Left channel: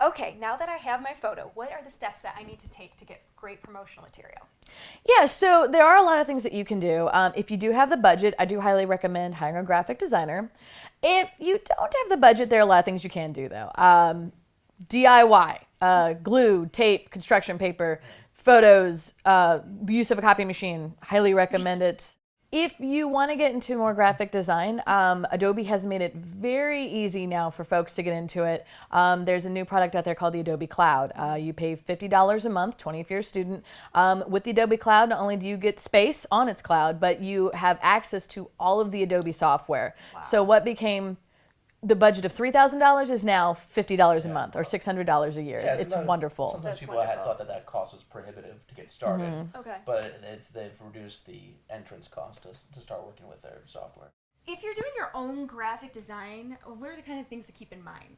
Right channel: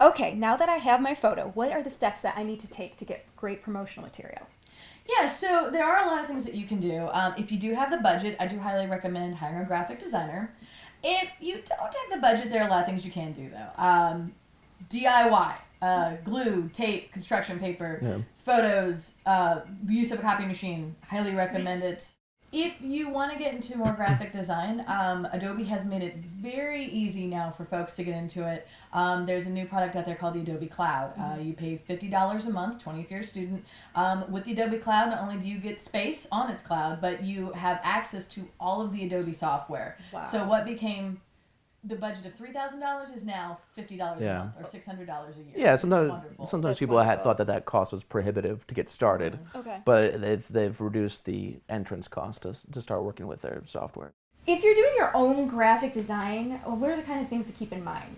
Okay, now that I have my photo, what are the steps that I need to take to get great promotional material? Yeah, so there are a lot of things that you can do. If you do have the budget, I do highly recommend hiring a graphic designer. If you don't have the budget, there are a lot of things you can do though. DIY, glue, tape, construction paper, photos, use of a copy machine, highly recommend it. If you want to get into more graphic design, Adobe has made it very easy now for folks to get into it. There's a new product out there called the Adobe Cloud. You pay $50 a month, $20 if you're a student. With the Adobe Cloud, not only do you get space on its cloud, but you have access to all of the Adobe software. Wow. So what became the budget of $3,000 is now $50 a month or $600 a year. Yeah, it's wonderful. Sometimes people had thought that cost was prohibitive to get started, but they've reduced the entrance cost to start working with their software. If you're doing your own graphic design, what are the kind of things to keep in mind?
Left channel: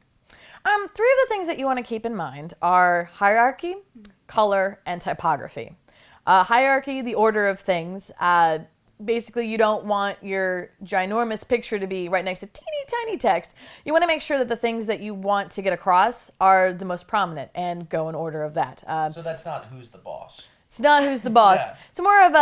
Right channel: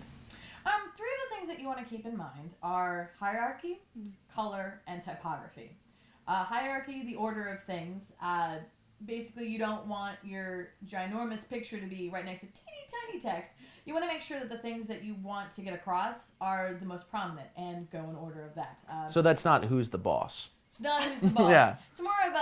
Three of the things that you want to keep in mind are hierarchy, color, and typography. Hierarchy, the order of things. Basically, you don't want your ginormous picture to be right next to teeny tiny text. You want to make sure that the things that you want to get across are the most prominent and go in order of that. So that's not who's the boss. It's not who's the boss. Yeah. It's more of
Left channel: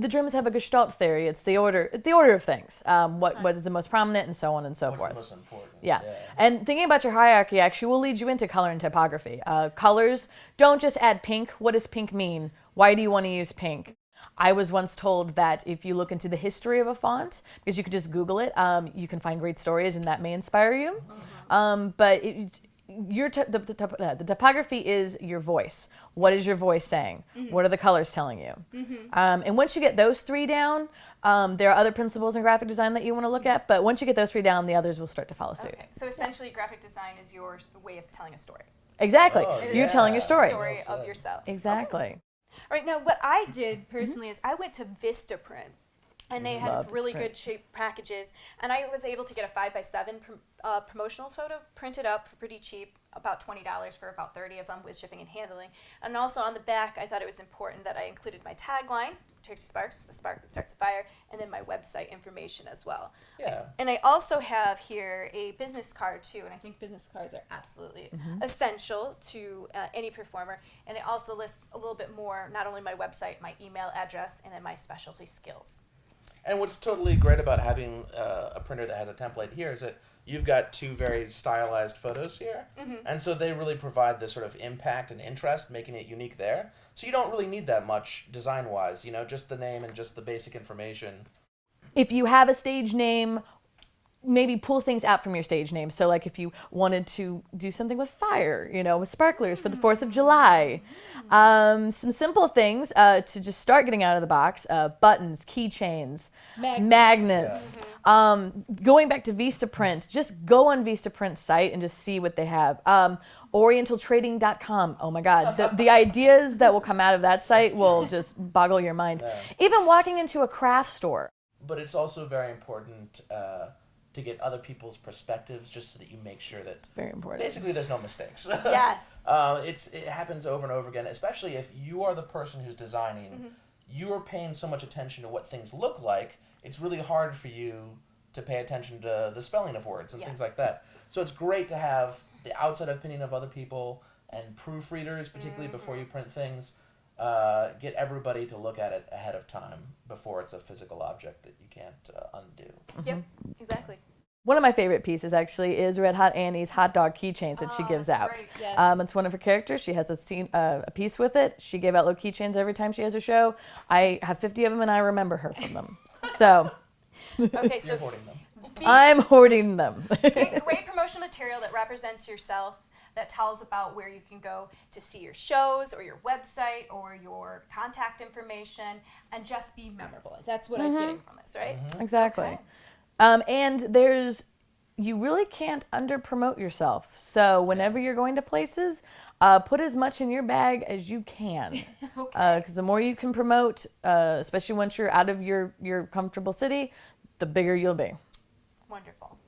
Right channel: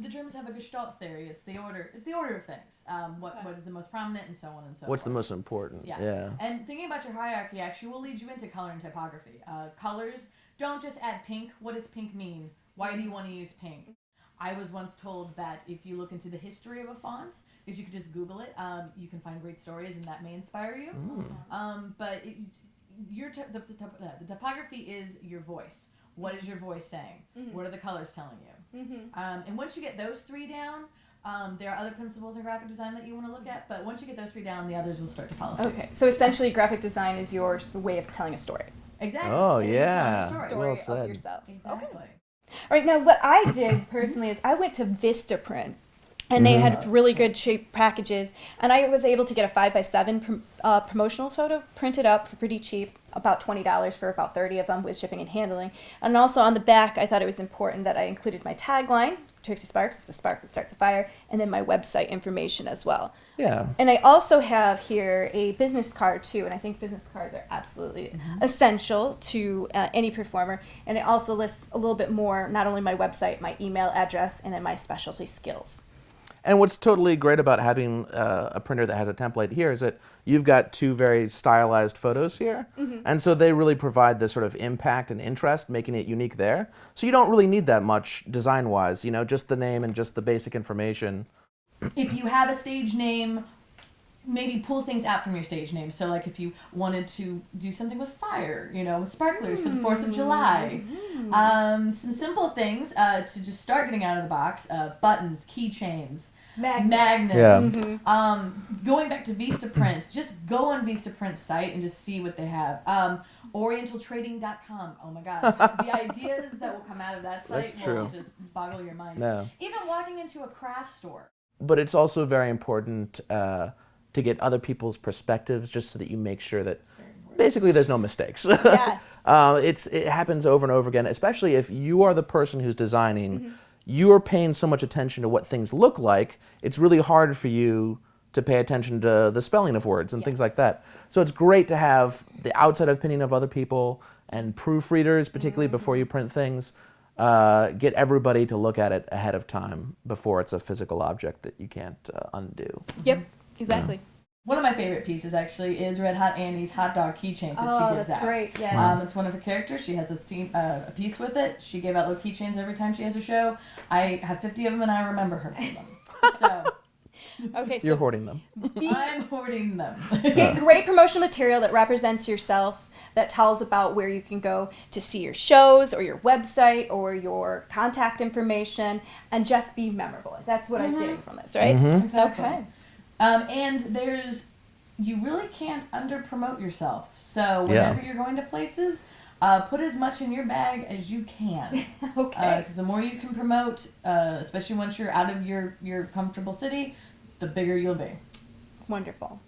the Germans have a Gestalt theory. It's the order of things. What is the most prominent and so on and so forth. What's the most important? Yeah. And thinking about your hierarchy actually will lead you into color and typography. Colors, don't just add pink. What does pink mean? Why do you want to use pink? I was once told that if you look into the history of a font, because you could just Google it, you can find great stories and that may inspire you. But the typography is your voice. What is your voice saying? What are the colors telling you? And once you get those three down, there are other principles in graphic design that you want to look at, but once you get those three down, the others will start to follow suit. Okay, so essentially graphic design is your way of telling a story. Exactly. Oh, You're telling your story. Story Well of yourself. Exactly. All right, now what I did personally is I went to Vistaprint, and they had really good cheap packages, and I was able to get a 5x7 promotional photo printed up for pretty cheap, about $20 for about 30 of them with shipping and handling. And also on the back, I thought it was important that I included my tagline, Trixie Sparx, the spark that starts a fire, and then my website information as well. Yeah. And I also have here a business card too, and I think business cards are absolutely essential to any performer. And it also lists a little bit more, not only my website, my email address, and then my specialty skills. And what's totally great about having a printer that has a template here is that you've got two very stylized photos here. And so they really provide this sort of impact and interest, making it unique there. So you don't really need that much design-wise, just the name and just the basic information. If you have a stage name, maybe pull things out from your stage name. So like if you wanted to do something with fire, with sparklers for the 4th of July. Some simple things to just start getting out of the box, buttons, keychains, magnets. Going back to Vistaprint, just go on Vistaprint's site and just see what they have. Orientaltrading.com. Oh my God. The ideas that will come out of that site will just boggle your mind. Yeah. Even walking into a craft store. But it's also very important to get other people's perspectives, just so that you make sure that Very important. basically there's no mistakes. Yes. It happens over and over again, especially if you are the person who's designing. You are paying so much attention to what things look like, it's really hard for you to pay attention to the spelling of words and things like that. So it's great to have the outside opinion of other people and proofreaders, particularly before you print things. Get everybody to look at it ahead of time before it's a physical object that you can't undo. Yep, exactly. One of my favorite pieces actually is Red Hot Annie's hot dog keychains that she gives that's out. great, yes. It's one of her characters. She has a piece with it. She gave out little keychains every time she has a show. I have 50 of them and I remember her from them. So Okay, You're so hoarding them. I'm hoarding them. get great promotional material that represents yourself, that tells about where you can go to see your shows or your website or your contact information, and just be memorable. That's what I'm getting from this, right? Exactly. Okay. And you really can't under promote yourself. So whenever you're going to places, put as much in your bag as you can. Okay. Because the more you can promote, especially once you're out of your comfortable city, the bigger you'll be. Wonderful.